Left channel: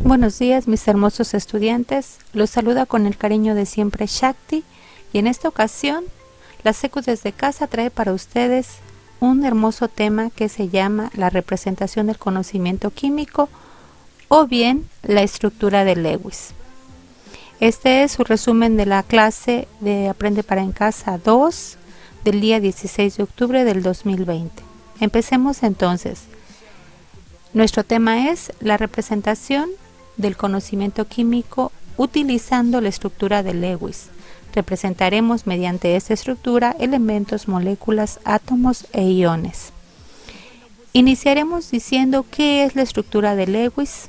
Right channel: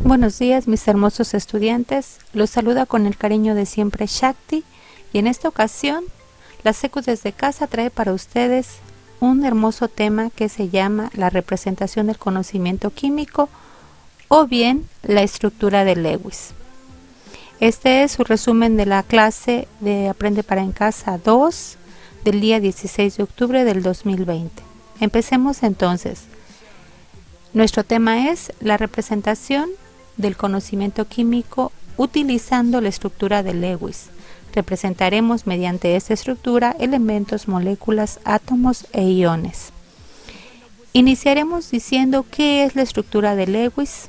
Buenos días, mis hermosos estudiantes. Los saluda con el cariño de siempre Shakti, y en esta ocasión la Secu desde casa trae para ustedes un hermoso tema que se llama la representación del conocimiento químico o bien la estructura de Lewis. Este es su resumen de la clase de Aprende para en Casa 2 del día 16 de octubre del 2020. Empecemos entonces. Nuestro tema es la representación del conocimiento químico utilizando la estructura de Lewis. Representaremos mediante esta estructura elementos, moléculas, átomos e iones. Iniciaremos diciendo qué es la estructura de Lewis,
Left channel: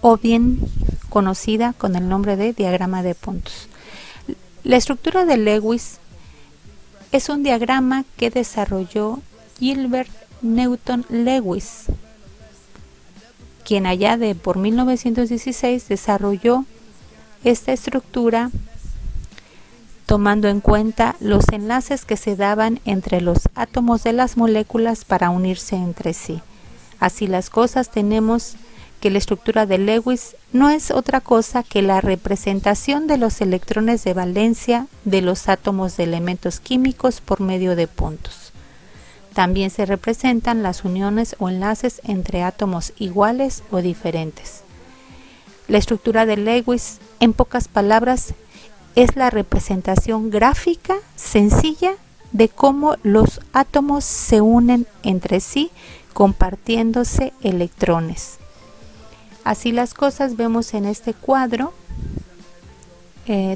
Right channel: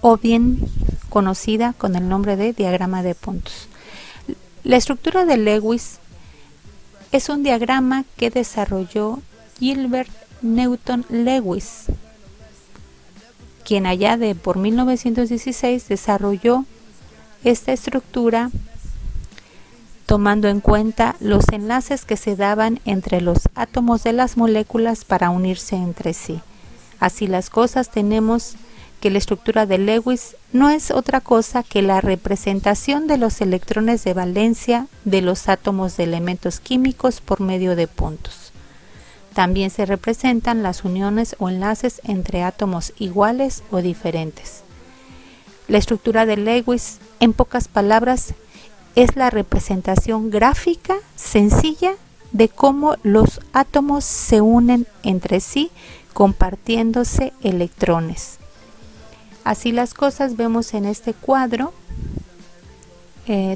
o bien conocida con el nombre de diagrama de puntos. La estructura de Lewis es un diagrama que desarrolló Gilbert Newton Lewis, quien allá por 1916 desarrolló esta estructura tomando en cuenta los enlaces que se daban entre los átomos de las moléculas para unirse entre sí. Así las cosas, tenemos que la estructura de Lewis no es otra cosa que la representación de los electrones de valencia de los átomos de elementos químicos por medio de puntos. También se representan las uniones o enlaces entre átomos iguales o diferentes. La estructura de Lewis, en pocas palabras, es la representación gráfica sencilla de cómo los átomos se unen entre sí compartiéndose electrones. Así las cosas, vemos en este cuadro,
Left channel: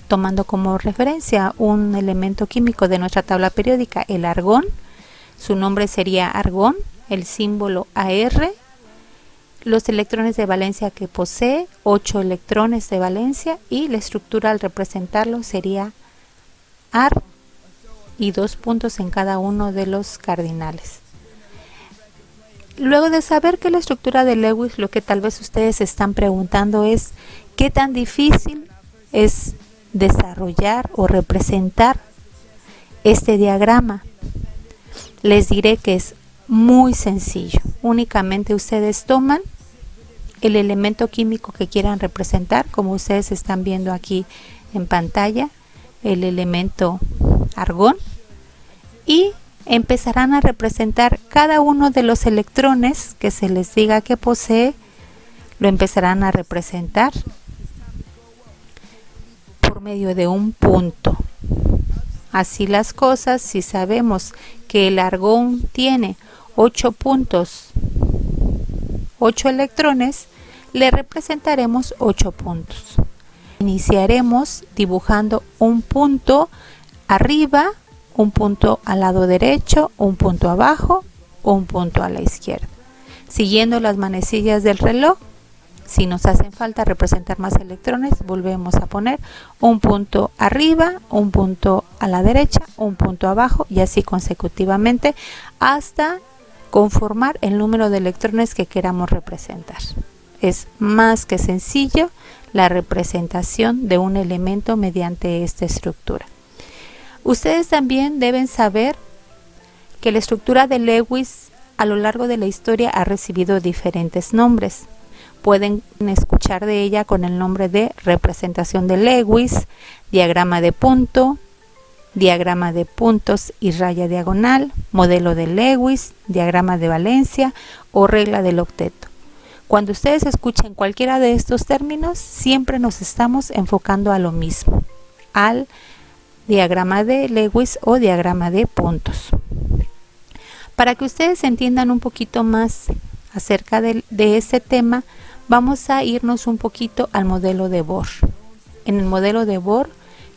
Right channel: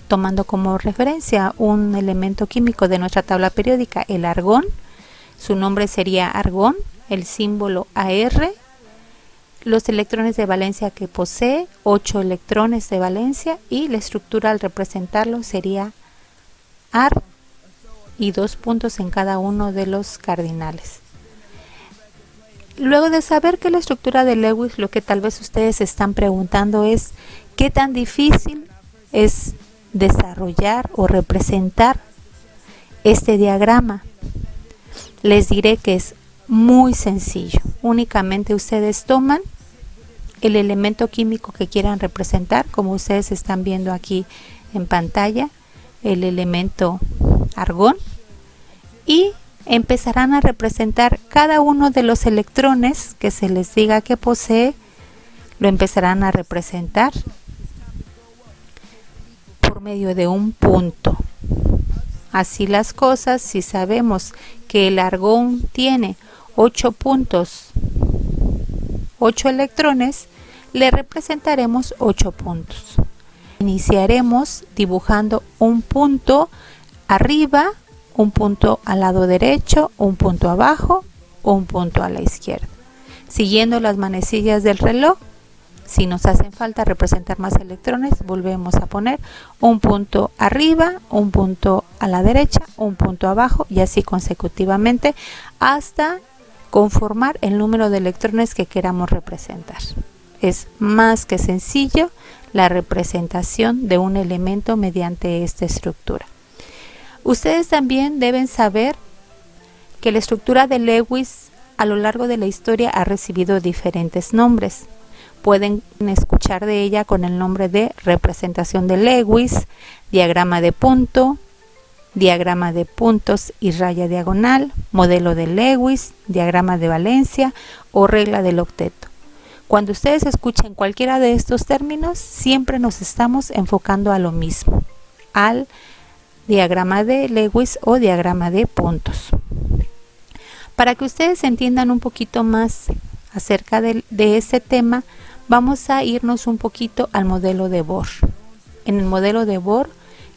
tomando como referencia un elemento químico de nuestra tabla periódica, el argón. Su nombre sería argón, el símbolo AR, los electrones de valencia que posee, 8 electrones de valencia, y la estructura al representarlo sería AR y 2 puntos en cada uno de los cardinales. Luego de saber que la estructura de Lewis, lo que tal vez ustedes se están preguntando es ¿qué tan difícil es desarrollar o representar este diagrama? Les diré que es muy sencillo. Únicamente ustedes toman el elemento químico que quieran representar, como ustedes están viendo aquí en pantalla, el elemento argón, y empezarán a representar cada uno de los electrones que se les diga que posee. Lo empezarán a representar por medio de un punto. Así las cosas, si sabemos que el argón tiene 8 puntos, 8 electrones, le representaremos 8 puntos. Iniciaremos dibujando un punto arriba, un punto al lado derecho, un punto abajo, un punto a la izquierda. Siguiendo las manecillas del reloj, si nos hacen falta representar más electrones, volvemos a poner un punto arriba, un punto a la derecha, un punto abajo, y así consecutivamente hasta conformar el número de electrones que queramos representar. Es más que sencillo la representación de un elemento mediante esta estructura. Ustedes también deben saber que la estructura de Lewis a lo largo de la historia ha recibido diferentes nombres. Pueden escuchar de ella con el nombre de representación de Lewis, diagrama de punto, diagrama de puntos y raya diagonal, modelo de Lewis, diagrama de valencia o regla del octeto. Cuando ustedes escuchen cualquiera de estos términos, siempre nos estamos enfocando a lo mismo, al diagrama de Lewis o diagrama de puntos. Para que ustedes entiendan un poquito más acerca de este tema, vamos a irnos un poquito al modelo de Bohr. En el modelo de Bohr,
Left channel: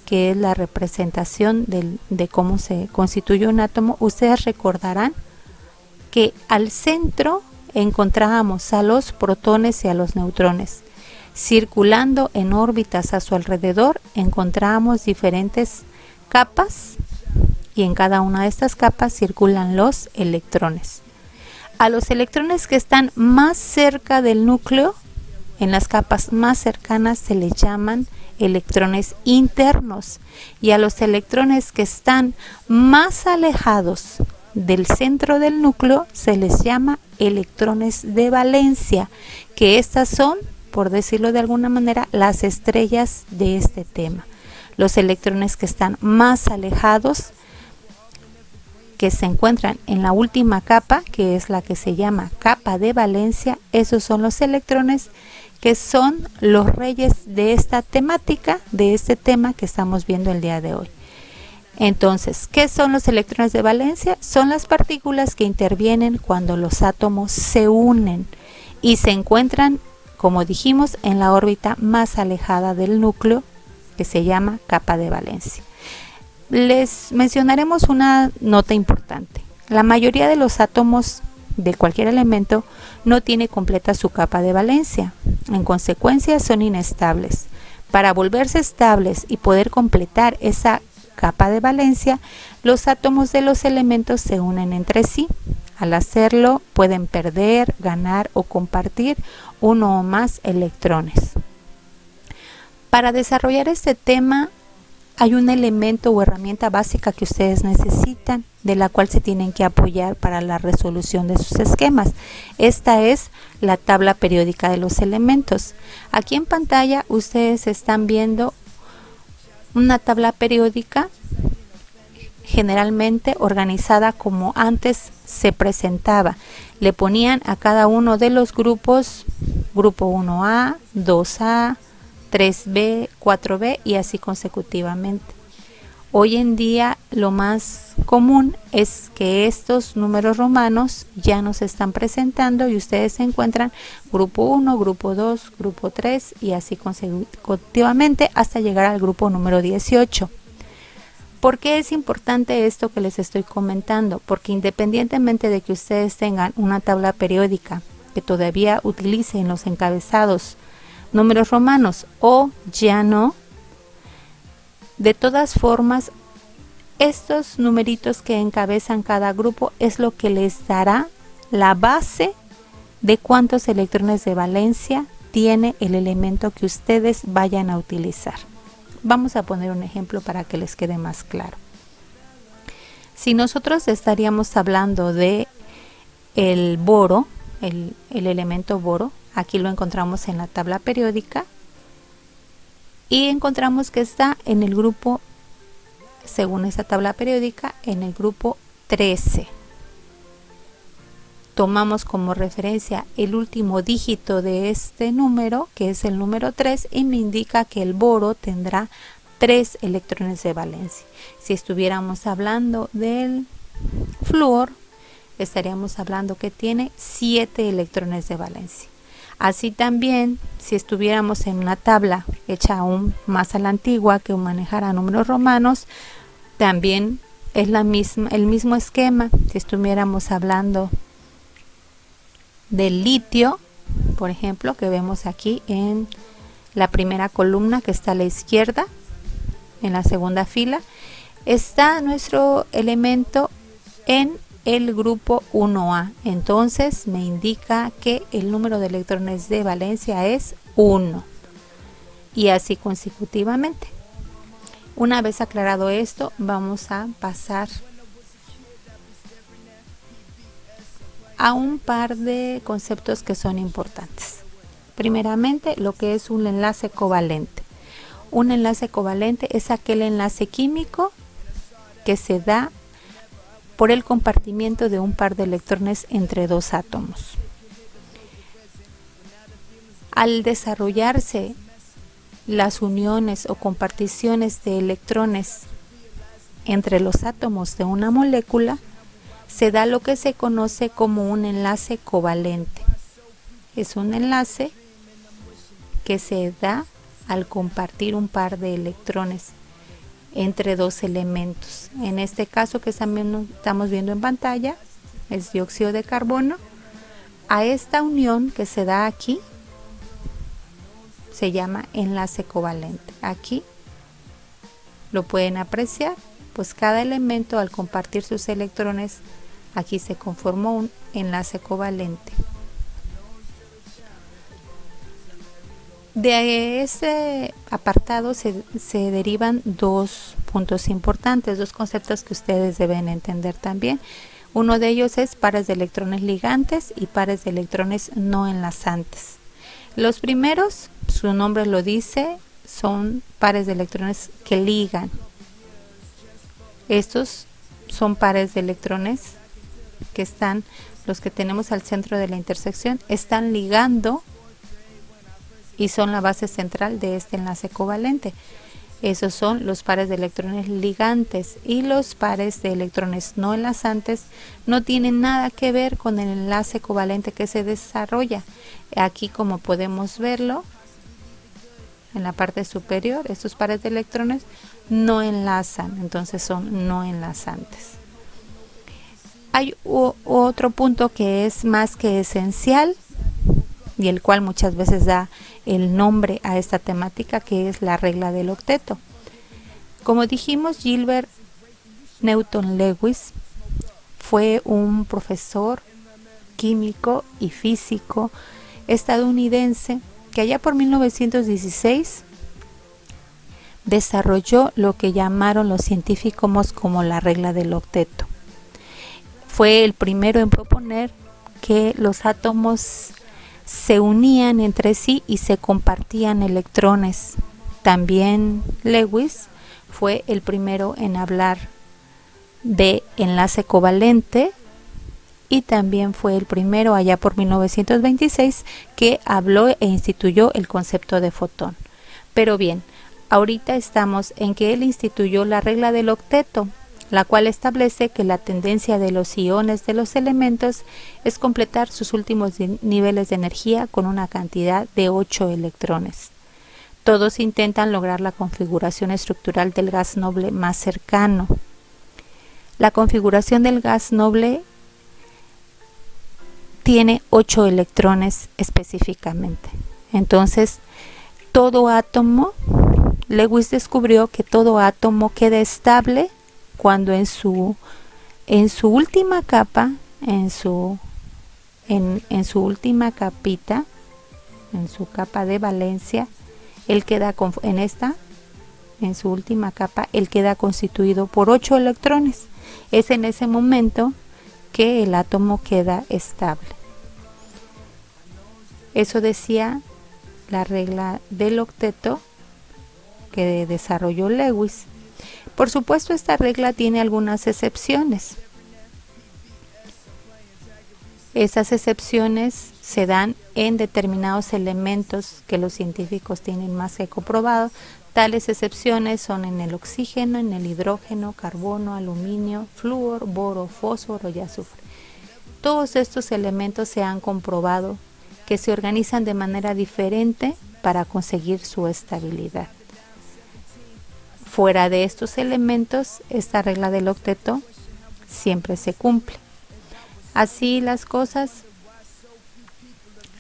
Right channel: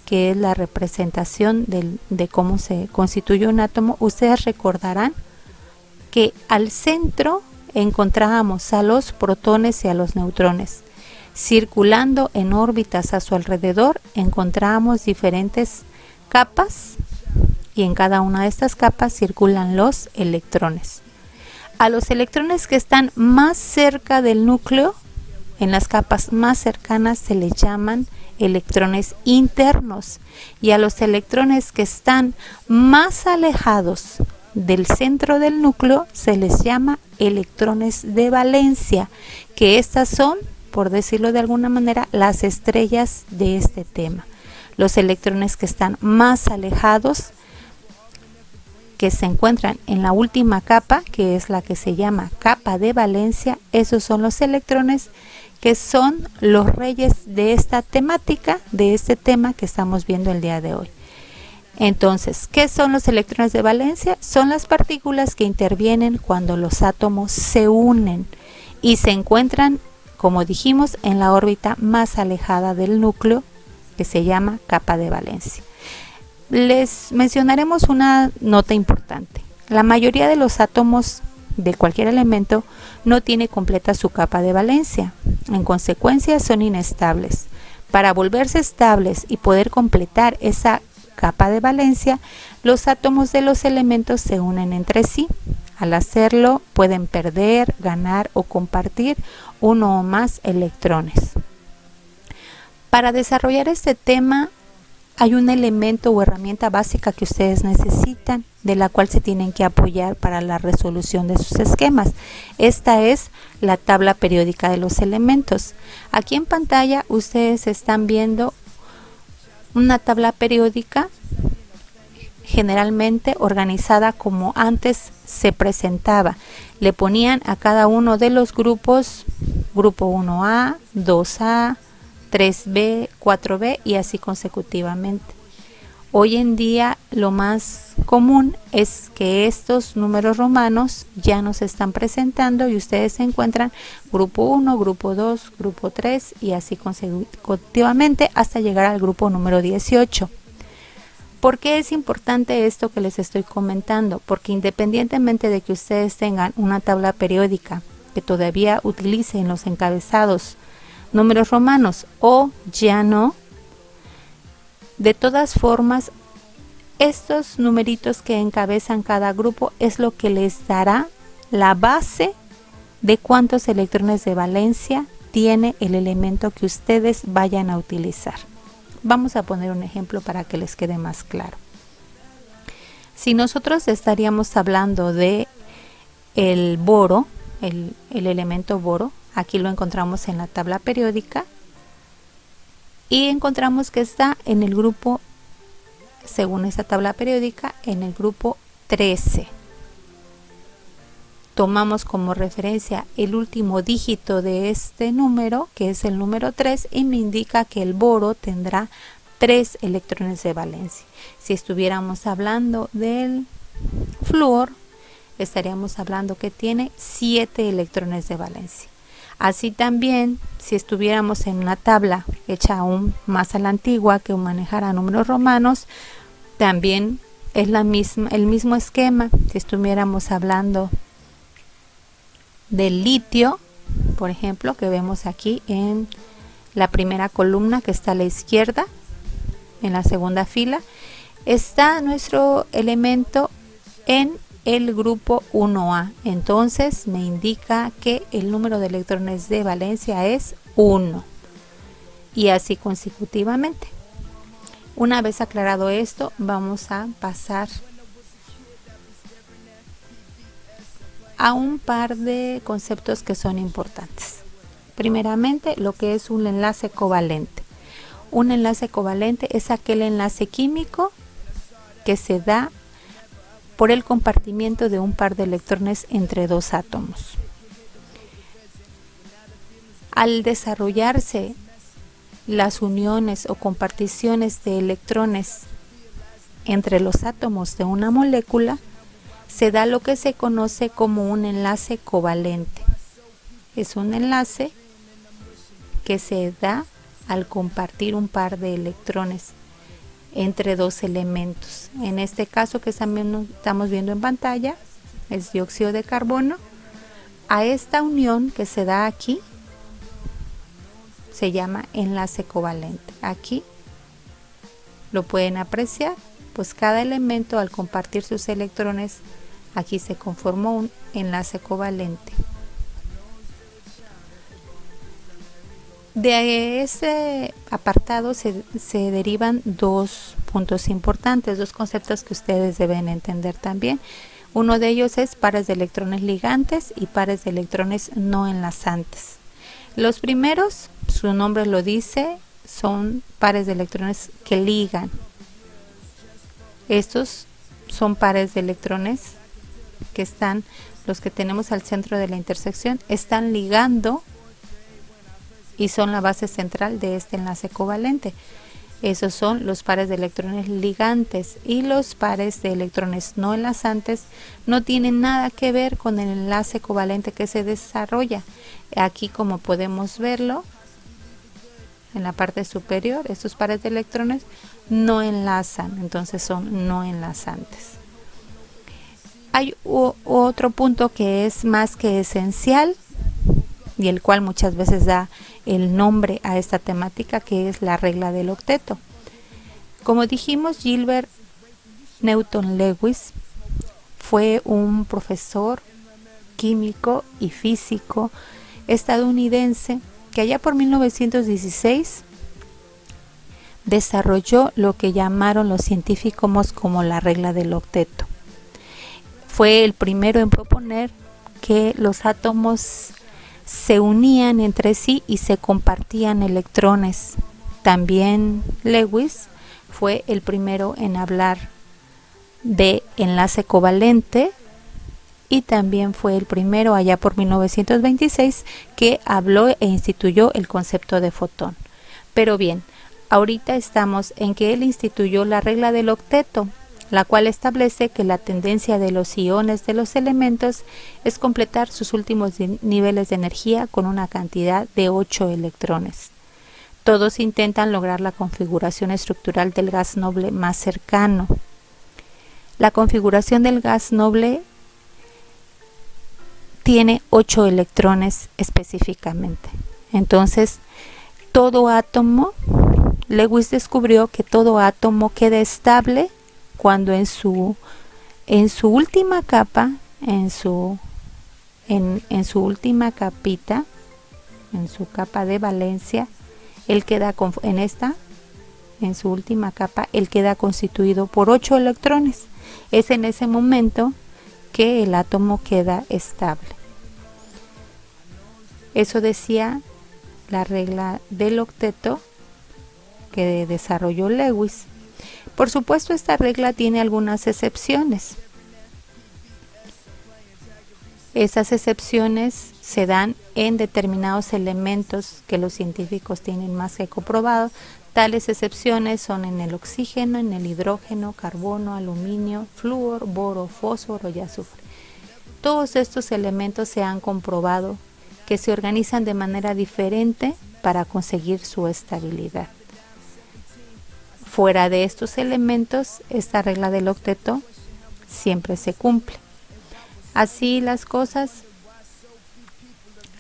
que es la representación de cómo se constituye un átomo, ustedes recordarán que al centro encontrábamos a los protones y a los neutrones. Circulando en órbitas a su alrededor, encontrábamos diferentes capas, y en cada una de estas capas circulan los electrones. A los electrones que están más cerca del núcleo, en las capas más cercanas, se les llaman electrones internos, y a los electrones que están más alejados del centro del núcleo se les llama electrones de valencia, que estas son, por decirlo de alguna manera, las estrellas de este tema. Los electrones que están más alejados, que se encuentran en la última capa, que es la que se llama capa de valencia, esos son los electrones que son los reyes de esta temática, de este tema que estamos viendo el día de hoy. Entonces, ¿qué son los electrones de valencia? Son las partículas que intervienen cuando los átomos se unen y se encuentran, como dijimos, en la órbita más alejada del núcleo, que se llama capa de valencia. Les mencionaremos una nota importante. La mayoría de los átomos de cualquier elemento no tiene completa su capa de valencia. En consecuencia, son inestables. Para volverse estables y poder completar esa capa de valencia, los átomos de los elementos se unen entre sí. Al hacerlo, pueden perder, ganar o compartir uno o más electrones. Para desarrollar este tema, hay un elemento o herramienta básica que ustedes necesitan, de la cual se tienen que apoyar para la resolución de sus esquemas. Esta es la tabla periódica de los elementos. Aquí en pantalla ustedes están viendo una tabla periódica generalmente organizada como antes se presentaba. Le ponían a cada uno de los grupos, grupo 1A, 2A, 3B, 4B y así consecutivamente. Hoy en día lo más común es que estos números romanos ya nos están presentando y ustedes se encuentran grupo 1, grupo 2, grupo 3 y así consecutivamente hasta llegar al grupo número 18. ¿Por qué es importante esto que les estoy comentando? Porque independientemente de que ustedes tengan una tabla periódica que todavía utilicen los encabezados números romanos o ya no, de todas formas, estos numeritos que encabezan cada grupo es lo que les dará la base de cuántos electrones de valencia tiene el elemento que ustedes vayan a utilizar. Vamos a poner un ejemplo para que les quede más claro. Si nosotros estaríamos hablando de el boro, el elemento boro, aquí lo encontramos en la tabla periódica y encontramos que está en el grupo, según esta tabla periódica, en el grupo 13. Tomamos como referencia el último dígito de este número, que es el número 3, y me indica que el boro tendrá 3 electrones de valencia. Si estuviéramos hablando del flúor, estaríamos hablando que tiene 7 electrones de valencia. Así también, si estuviéramos en una tabla hecha aún más a la antigua que manejara números romanos, también es el mismo esquema. Si estuviéramos hablando del litio, por ejemplo, que vemos aquí en la primera columna que está a la izquierda, en la segunda fila, está nuestro elemento en el grupo 1A. Entonces me indica que el número de electrones de valencia es 1 y así consecutivamente. Una vez aclarado esto, vamos a pasar a un par de conceptos que son importantes. Primeramente, lo que es un enlace covalente. Un enlace covalente es aquel enlace químico que se da por el compartimiento de un par de electrones entre dos átomos. Al desarrollarse las uniones o comparticiones de electrones entre los átomos de una molécula, se da lo que se conoce como un enlace covalente. Es un enlace que se da al compartir un par de electrones entre dos elementos. En este caso que también estamos viendo en pantalla es dióxido de carbono. A esta unión que se da aquí se llama enlace covalente. Aquí lo pueden apreciar, pues cada elemento al compartir sus electrones, aquí se conformó un enlace covalente. De ese apartado se derivan dos puntos importantes, dos conceptos que ustedes deben entender también. Uno de ellos es pares de electrones ligantes y pares de electrones no enlazantes. Los primeros, su nombre lo dice, son pares de electrones que ligan. Estos son pares de electrones que están, los que tenemos al centro de la intersección, están ligando y son la base central de este enlace covalente. Esos son los pares de electrones ligantes, y los pares de electrones no enlazantes no tienen nada que ver con el enlace covalente que se desarrolla. Aquí, como podemos verlo en la parte superior, estos pares de electrones no enlazan, entonces son no enlazantes. Hay otro punto que es más que esencial y el cual muchas veces da el nombre a esta temática, que es la regla del octeto. Como dijimos, Gilbert Newton Lewis fue un profesor químico y físico estadounidense que allá por 1916 desarrolló lo que llamaron los científicos como la regla del octeto. Fue el primero en proponer que los átomos se unían entre sí y se compartían electrones. También Lewis fue el primero en hablar de enlace covalente, y también fue el primero allá por 1926 que habló e instituyó el concepto de fotón. Pero bien, ahorita estamos en que él instituyó la regla del octeto, la cual establece que la tendencia de los iones de los elementos es completar sus últimos niveles de energía con una cantidad de 8 electrones. Todos intentan lograr la configuración estructural del gas noble más cercano. La configuración del gas noble tiene 8 electrones específicamente. Entonces, todo átomo, Lewis descubrió que todo átomo queda estable cuando en su última capa, en su última capita, en su capa de valencia, él queda en su última capa, él queda constituido por 8 electrones. Es en ese momento que el átomo queda estable. Eso decía la regla del octeto que desarrolló Lewis. Por supuesto, esta regla tiene algunas excepciones. Esas excepciones se dan en determinados elementos que los científicos tienen más que comprobado. Tales excepciones son en el oxígeno, en el hidrógeno, carbono, aluminio, flúor, boro, fósforo y azufre. Todos estos elementos se han comprobado que se organizan de manera diferente para conseguir su estabilidad. Fuera de estos elementos, esta regla del octeto siempre se cumple. Así las cosas.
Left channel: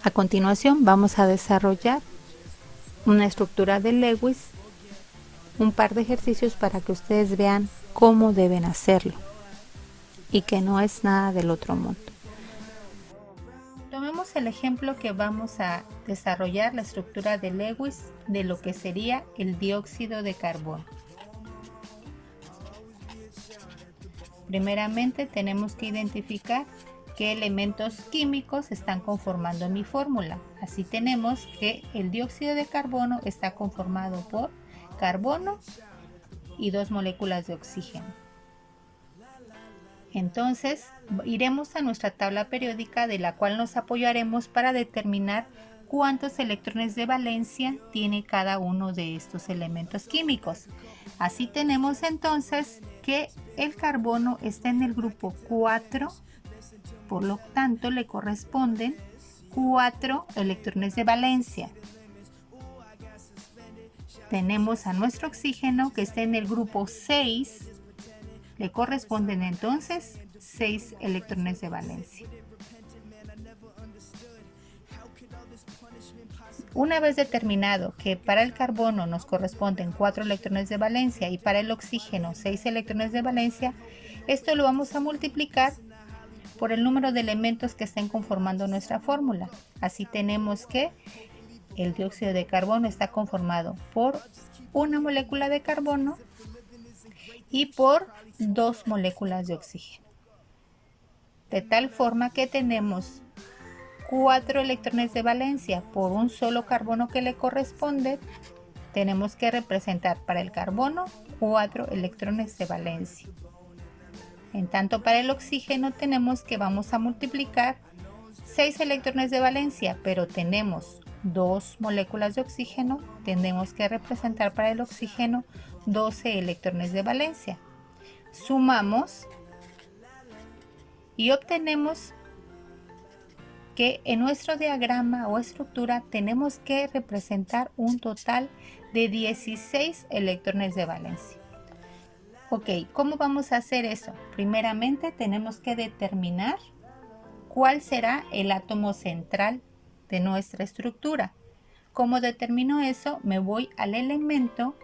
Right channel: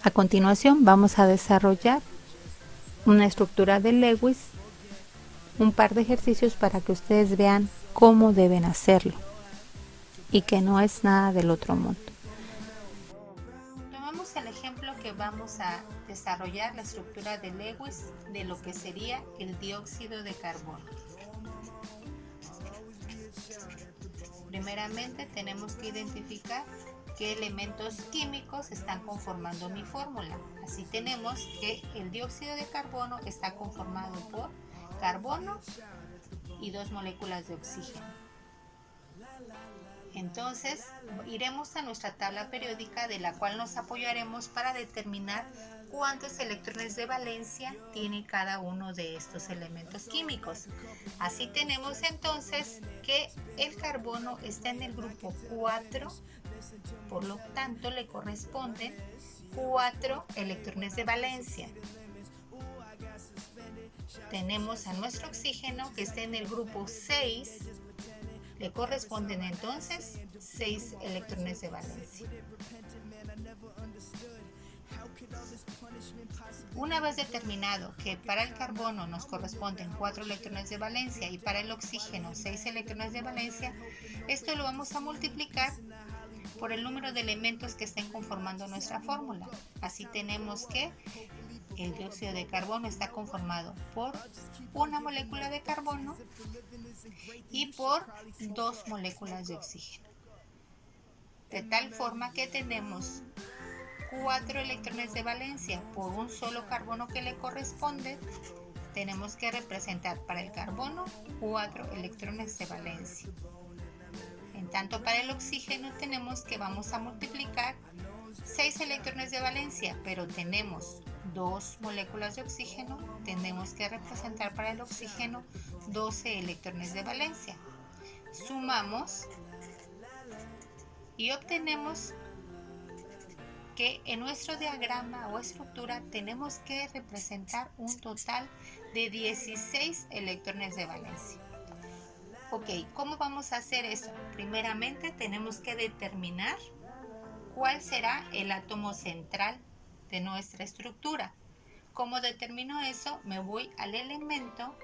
A continuación vamos a desarrollar una estructura de Lewis, un par de ejercicios para que ustedes vean cómo deben hacerlo y que no es nada del otro mundo. Tomemos el ejemplo que vamos a desarrollar la estructura de Lewis de lo que sería el dióxido de carbono. Primeramente tenemos que identificar qué elementos químicos están conformando mi fórmula. Así tenemos que el dióxido de carbono está conformado por carbono y 2 moléculas de oxígeno. Entonces iremos a nuestra tabla periódica, de la cual nos apoyaremos para determinar cuántos electrones de valencia tiene cada uno de estos elementos químicos. Así tenemos entonces que el carbono está en el grupo 4, por lo tanto le corresponden 4 electrones de valencia. Tenemos a nuestro oxígeno que está en el grupo 6, le corresponden entonces 6 electrones de valencia. Una vez determinado que para el carbono nos corresponden 4 electrones de valencia y para el oxígeno 6 electrones de valencia, esto lo vamos a multiplicar por el número de elementos que estén conformando nuestra fórmula. Así tenemos que el dióxido de carbono está conformado por una molécula de carbono y por 2 moléculas de oxígeno. de tal forma que tenemos 4 electrones de valencia por un solo carbono que le corresponde. Tenemos que representar para el carbono 4 electrones de valencia. En tanto para el oxígeno tenemos que vamos a multiplicar 6 electrones de valencia, pero tenemos 2 moléculas de oxígeno, tenemos que representar para el oxígeno 12 electrones de valencia. Sumamos y obtenemos que en nuestro diagrama o estructura tenemos que representar un total de 16 electrones de valencia. Ok, ¿cómo vamos a hacer eso? Primeramente tenemos que determinar cuál será el átomo central de nuestra estructura. ¿Cómo determino eso? Me voy al elemento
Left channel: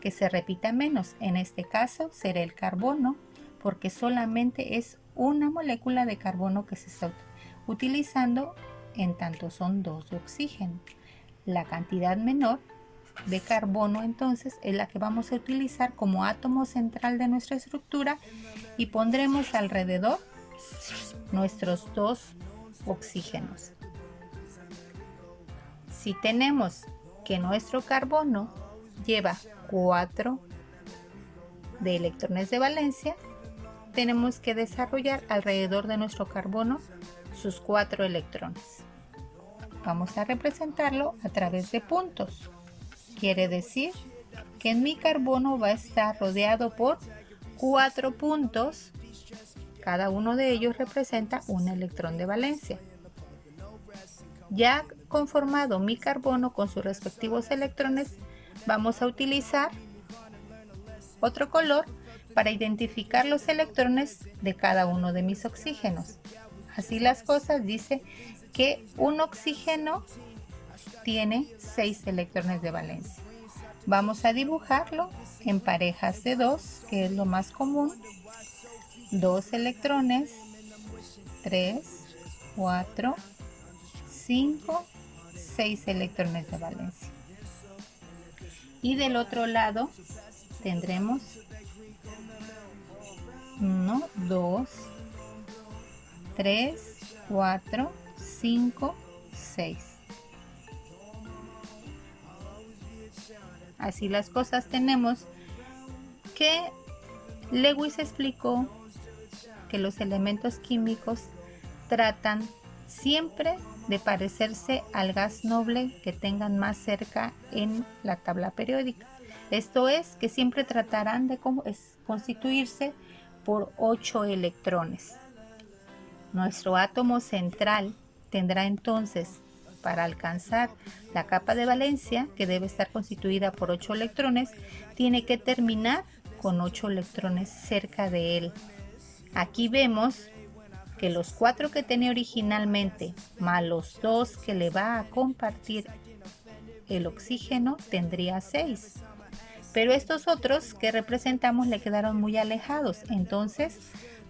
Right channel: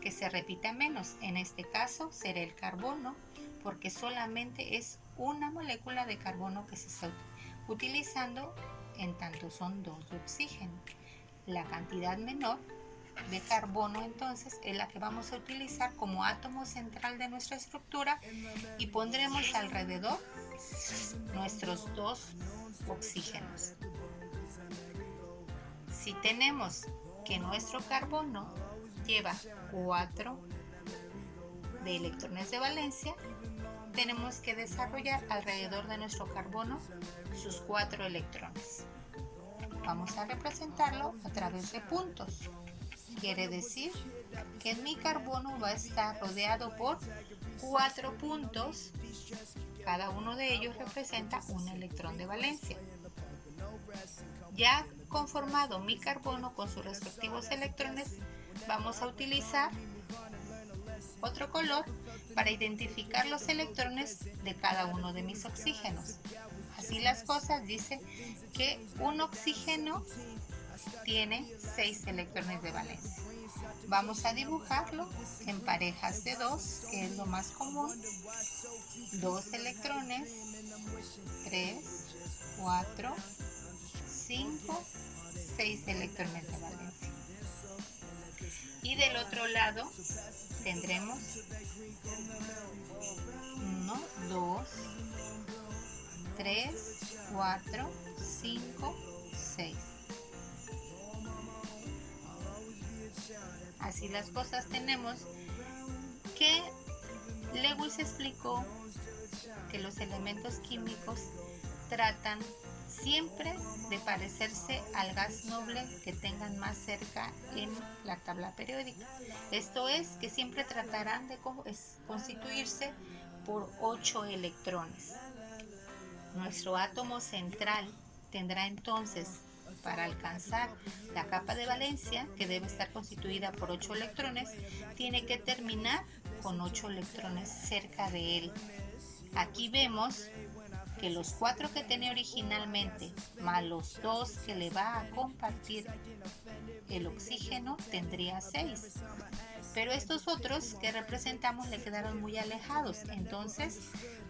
que se repita menos. En este caso será el carbono, porque solamente es una molécula de carbono que se está utilizando, en tanto son 2 de oxígeno. La cantidad menor de carbono entonces es la que vamos a utilizar como átomo central de nuestra estructura y pondremos alrededor nuestros 2 oxígenos. Si tenemos que nuestro carbono lleva 4 de electrones de valencia, tenemos que desarrollar alrededor de nuestro carbono sus 4 electrones. Vamos a representarlo a través de puntos. Quiere decir que en mi carbono va a estar rodeado por 4 puntos. Cada uno de ellos representa un electrón de valencia. Ya conformado mi carbono con sus respectivos electrones, vamos a utilizar otro color para identificar los electrones de cada uno de mis oxígenos. Así las cosas, dice que un oxígeno tiene 6 electrones de valencia. Vamos a dibujarlo en parejas de 2, que es lo más común. 2 electrones, 3, 4, 5, 6 electrones de valencia. Y del otro lado tendremos 1, 2, 3, 4, 5, 6. Así las cosas, tenemos que Lewis explicó que los elementos químicos tratan siempre de parecerse al gas noble que tengan más cerca en la tabla periódica. Esto es, que siempre tratarán de constituirse por 8 electrones. Nuestro átomo central tendrá entonces, para alcanzar la capa de valencia, que debe estar constituida por 8 electrones, tiene que terminar con 8 electrones cerca de él. Aquí vemos que los 4 que tenía originalmente, más los 2 que le va a compartir el oxígeno, tendría 6. Pero estos otros que representamos le quedaron muy alejados. Entonces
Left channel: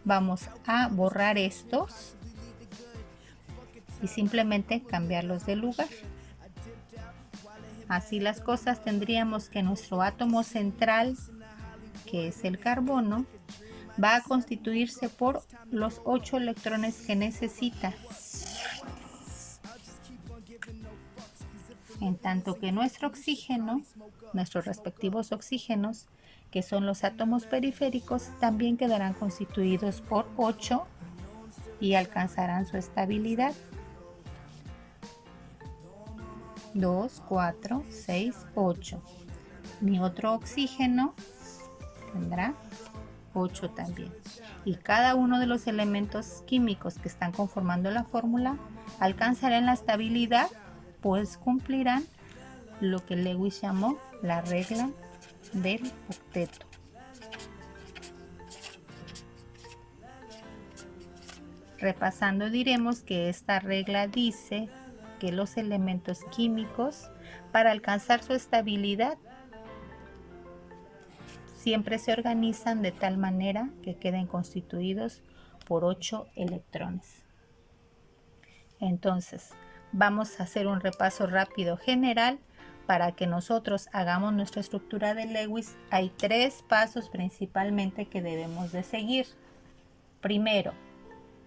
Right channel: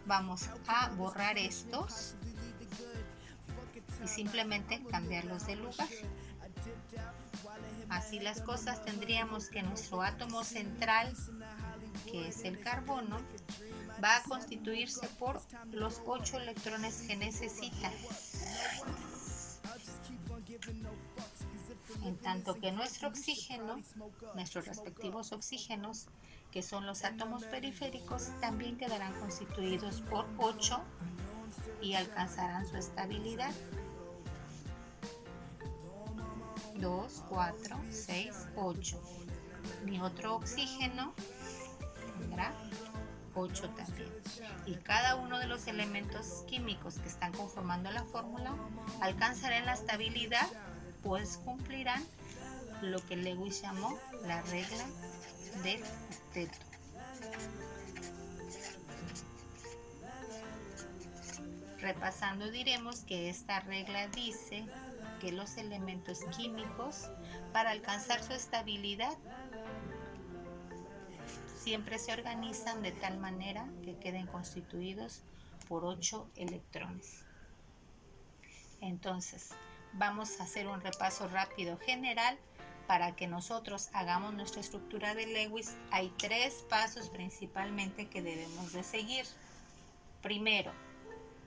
vamos a borrar estos y simplemente cambiarlos de lugar. Así las cosas, tendríamos que nuestro átomo central, que es el carbono, va a constituirse por los 8 electrones que necesita. En tanto que nuestro oxígeno, nuestros respectivos oxígenos, que son los átomos periféricos, también quedarán constituidos por 8 y alcanzarán su estabilidad. 2, 4, 6, 8. Mi otro oxígeno tendrá 8 también. Y cada uno de los elementos químicos que están conformando la fórmula alcanzarán la estabilidad, pues cumplirán lo que Lewis llamó la regla del octeto. Repasando, diremos que esta regla dice que los elementos químicos, para alcanzar su estabilidad, siempre se organizan de tal manera que queden constituidos por 8 electrones. Entonces, vamos a hacer un repaso rápido general para que nosotros hagamos nuestra estructura de Lewis, hay 3 pasos principalmente que debemos de seguir. Primero,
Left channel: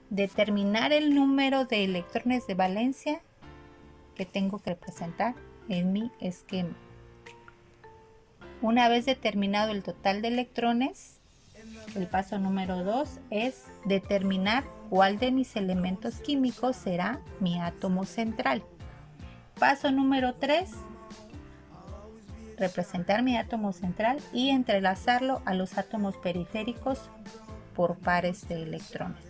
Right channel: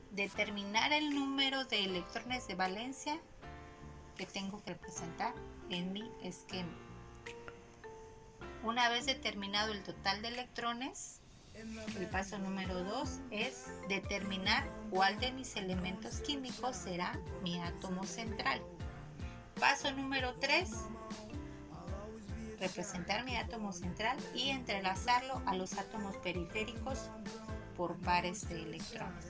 determinar el número de electrones de valencia que tengo que representar en mi esquema. Una vez determinado el total de electrones, el paso número 2 es determinar cuál de mis elementos químicos será mi átomo central. Paso número 3, representar mi átomo central y entrelazarlo a los átomos periféricos por pares de electrones.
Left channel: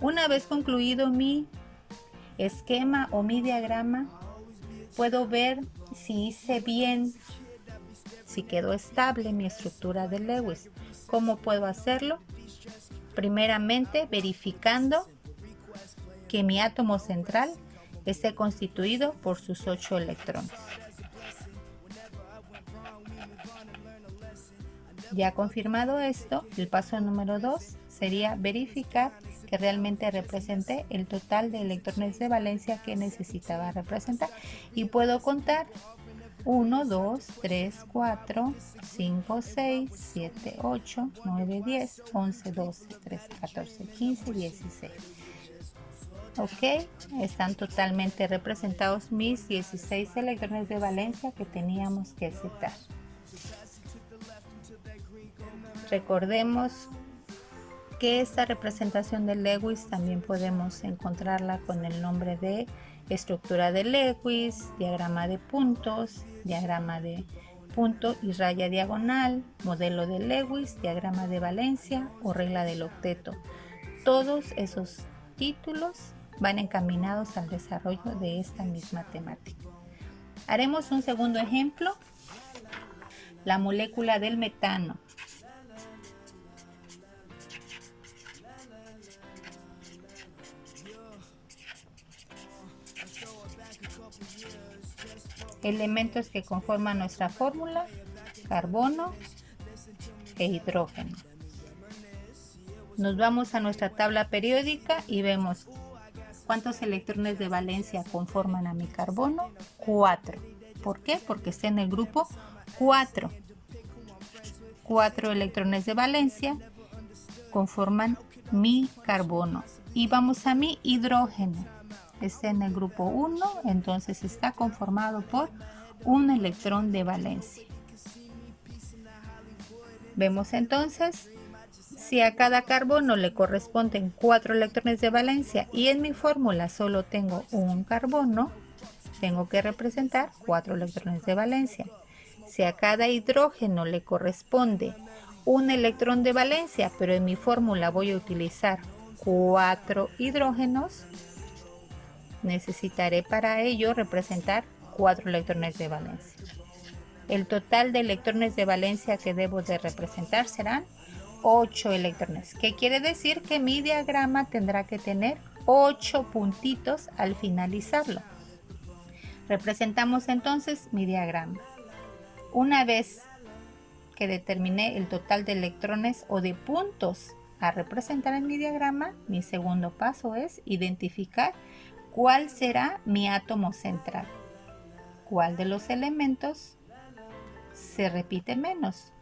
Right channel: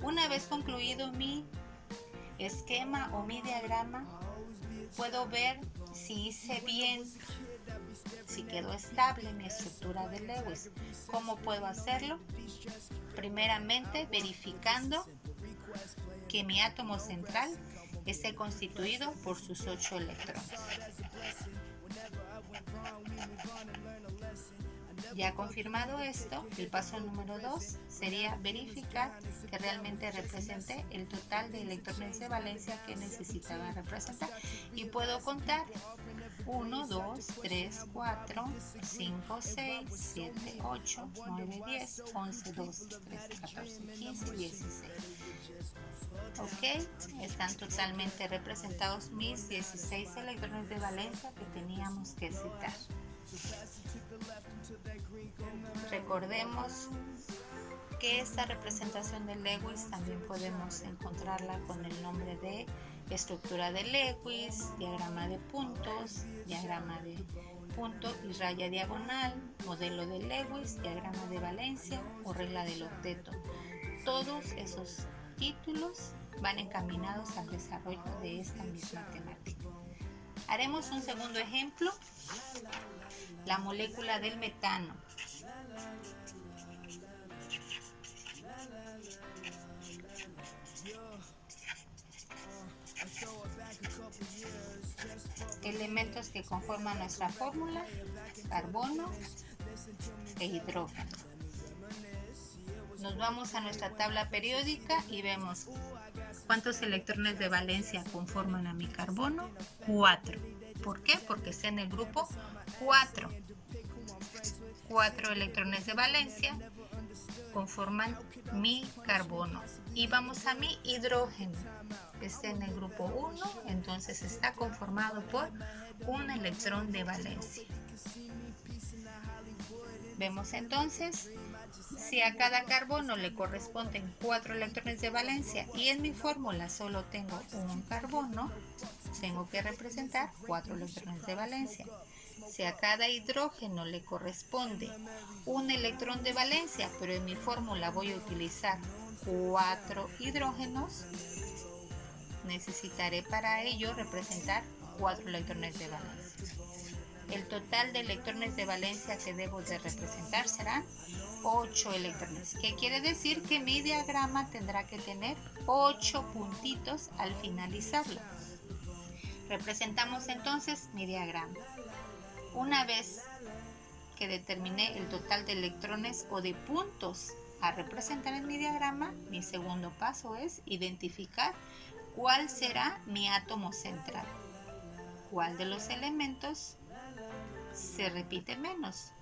Una vez concluido mi esquema o mi diagrama, puedo ver si hice bien, si quedó estable mi estructura de Lewis. ¿Cómo puedo hacerlo? Primeramente, verificando que mi átomo central esté constituido por sus 8 electrones. Ya confirmado esto, el paso número 2 sería verificar que realmente representé el total de electrones de valencia que necesitaba representar. Y puedo contar 1, 2, 3, 4, 5, 6, 7, 8, 9, 10, 11, 12, 13, 14, 15, 16. Ok, están totalmente representados mis 16 electrones de valencia que teníamos que setar. Recordemos que esta representación de Lewis también podemos encontrarla con el nombre de estructura de Lewis, diagrama de puntos, diagrama de punto y raya diagonal, modelo de Lewis, diagrama de valencia o regla del octeto. Todos esos títulos van encaminados al desarrollo de esta misma temática. Haremos un segundo ejemplo, la molécula del metano. Elementos que conforman nuestra fórmula: carbono e hidrógeno. Nos vamos a nuestra tabla periódica y vemos cuántos electrones de valencia conforman a mi carbono. 4. ¿Por qué? Porque está en el grupo 4. 4 electrones de valencia conforman mi carbono. Y vamos a mi hidrógeno. Está en el grupo 1, entonces está conformado por un electrón de valencia. Vemos entonces, si a cada carbono le corresponden 4 electrones de valencia y en mi fórmula solo tengo un carbono, tengo que representar 4 electrones de valencia. Si a cada hidrógeno le corresponde un electrón de valencia, pero en mi fórmula voy a utilizar 4 hidrógenos, necesitaré para ello representar 4 electrones de valencia. El total de electrones de valencia que debo de representar serán 8 electrones. ¿Qué quiere decir? Que mi diagrama tendrá que tener 8 puntitos al finalizarlo. Representamos entonces mi diagrama. Una vez que determiné el total de electrones o de puntos a representar en mi diagrama, mi segundo paso es identificar cuál será mi átomo central. ¿Cuál de los elementos se repite menos?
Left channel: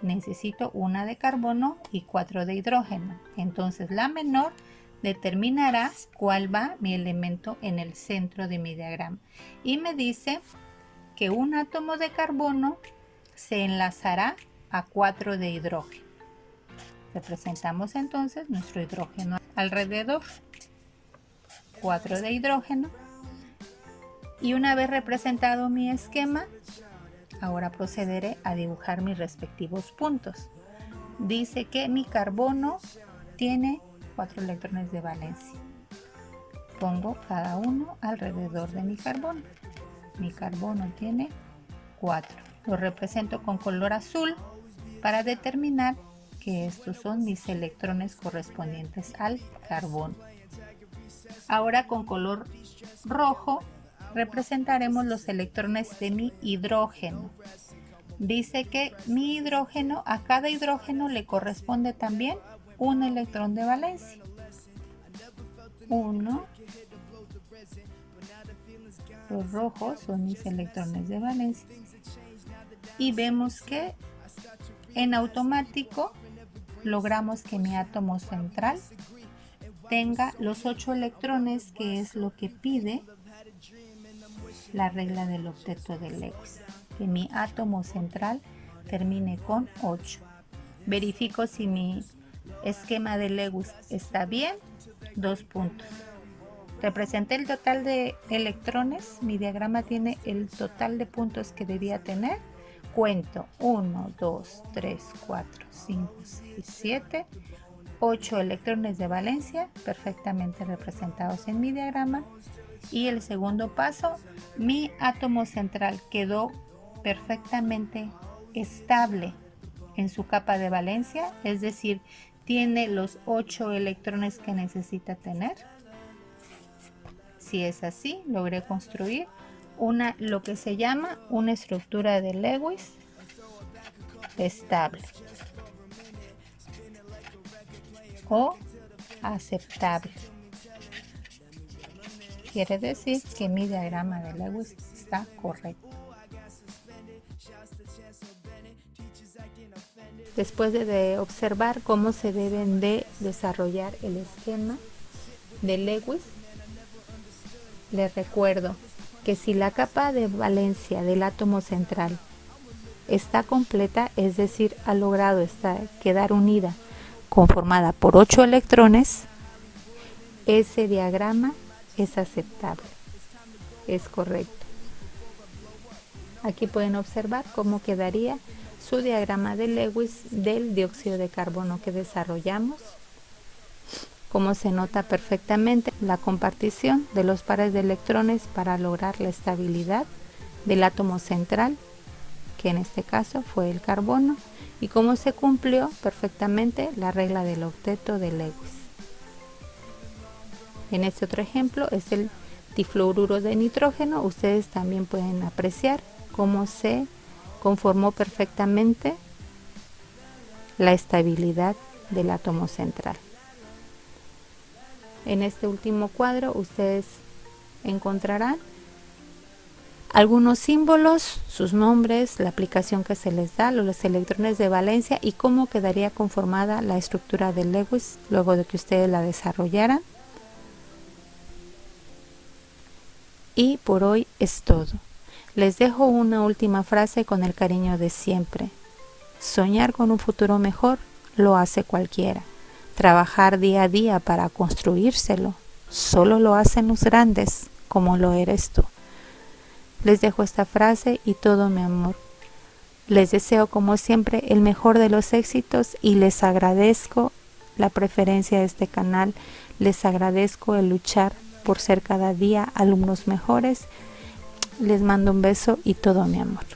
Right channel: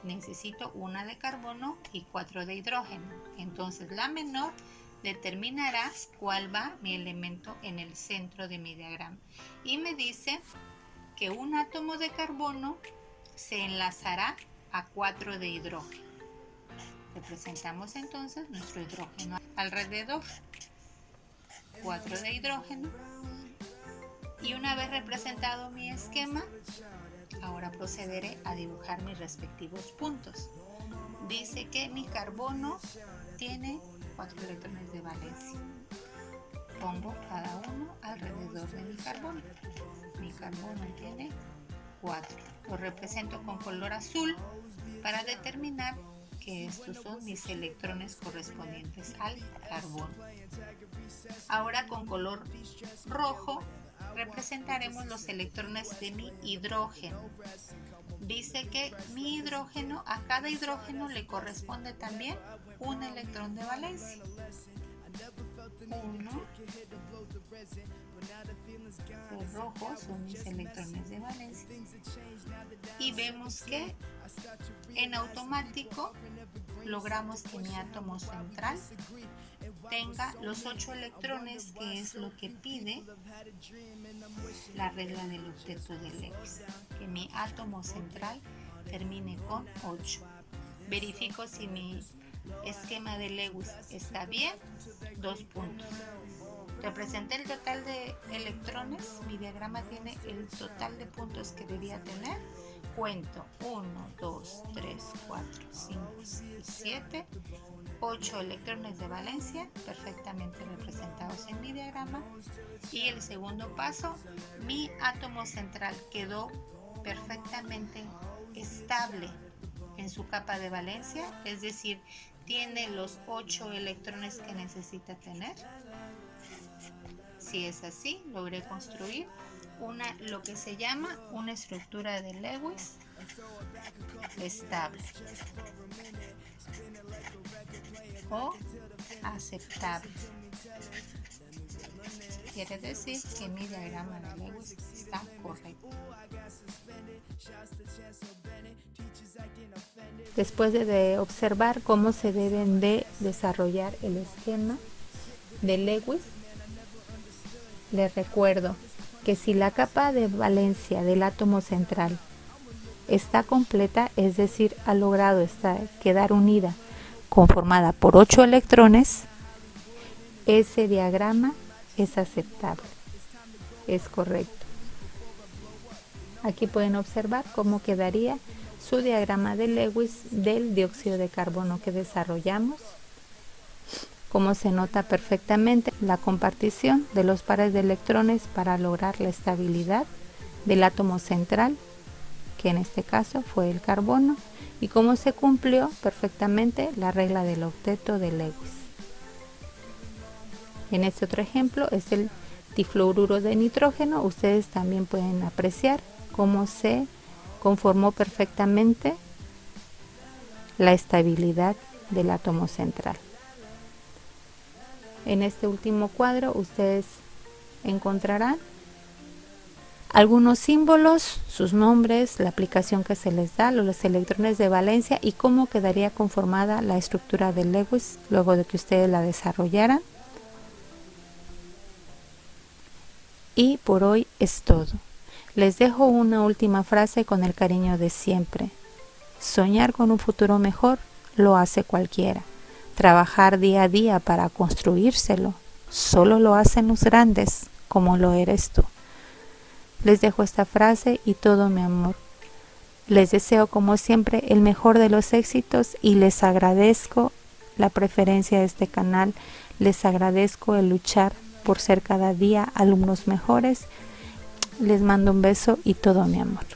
Necesito 1 de carbono y 4 de hidrógeno. Entonces la menor determinará cuál va mi elemento en el centro de mi diagrama. Y me dice que un átomo de carbono se enlazará a 4 de hidrógeno. Representamos entonces nuestro hidrógeno alrededor. 4 de hidrógeno. Y una vez representado mi esquema, ahora procederé a dibujar mis respectivos puntos. Dice que mi carbono tiene 4 electrones de valencia. Pongo cada uno alrededor de mi carbono. Mi carbono tiene 4. Lo represento con color azul para determinar que estos son mis electrones correspondientes al carbono. Ahora con color rojo representaremos los electrones de mi hidrógeno. Dice que mi hidrógeno, a cada hidrógeno le corresponde también un electrón de valencia. 1, Los rojos son mis electrones de valencia. Y vemos que en automático logramos que mi átomo central tenga los 8 electrones, que es lo que pide la regla del octeto de Lewis, que mi átomo central termine con 8. Verifico si mi esquema de Lewis está bien, 2 puntos. Representé el total de electrones, mi diagrama tiene el total de puntos que debía tener. Cuento 1, 2, 3, 4, 5, 6, 7, 8 electrones de valencia perfectamente representados en mi diagrama. Y el segundo paso, mi átomo central quedó perfectamente estable en su capa de valencia, es decir, tiene los 8 electrones que necesita tener. Si es así, logré construir lo que se llama una estructura de Lewis estable o aceptable. Quiere decir que mi diagrama de Lewis está correcto. Después de observar cómo se deben de desarrollar el esquema de Lewis, les recuerdo que si la capa de valencia del átomo central está completa, es decir, ha logrado quedar unida, conformada por 8 electrones, ese diagrama es aceptable, es correcto. Aquí pueden observar cómo quedaría su diagrama de Lewis del dióxido de carbono que desarrollamos. Como se nota perfectamente la compartición de los pares de electrones para lograr la estabilidad del átomo central, que en este caso fue el carbono, y cómo se cumplió perfectamente la regla del octeto de Lewis. En este otro ejemplo es el difluoruro de nitrógeno. Ustedes también pueden apreciar cómo se conformó perfectamente la estabilidad del átomo central. En este último cuadro ustedes encontrarán algunos símbolos, sus nombres, la aplicación que se les da, los electrones de valencia y cómo quedaría conformada la estructura de Lewis luego de que ustedes la desarrollaran. Y por hoy es todo. Les dejo una última frase con el cariño de siempre. Soñar con un futuro mejor lo hace cualquiera. Trabajar día a día para construírselo solo lo hacen los grandes, como lo eres tú. Les dejo esta frase y todo mi amor. Les deseo como siempre el mejor de los éxitos y les agradezco la preferencia de este canal. Les agradezco el luchar por ser cada día alumnos mejores. Les mando un beso y todo mi amor.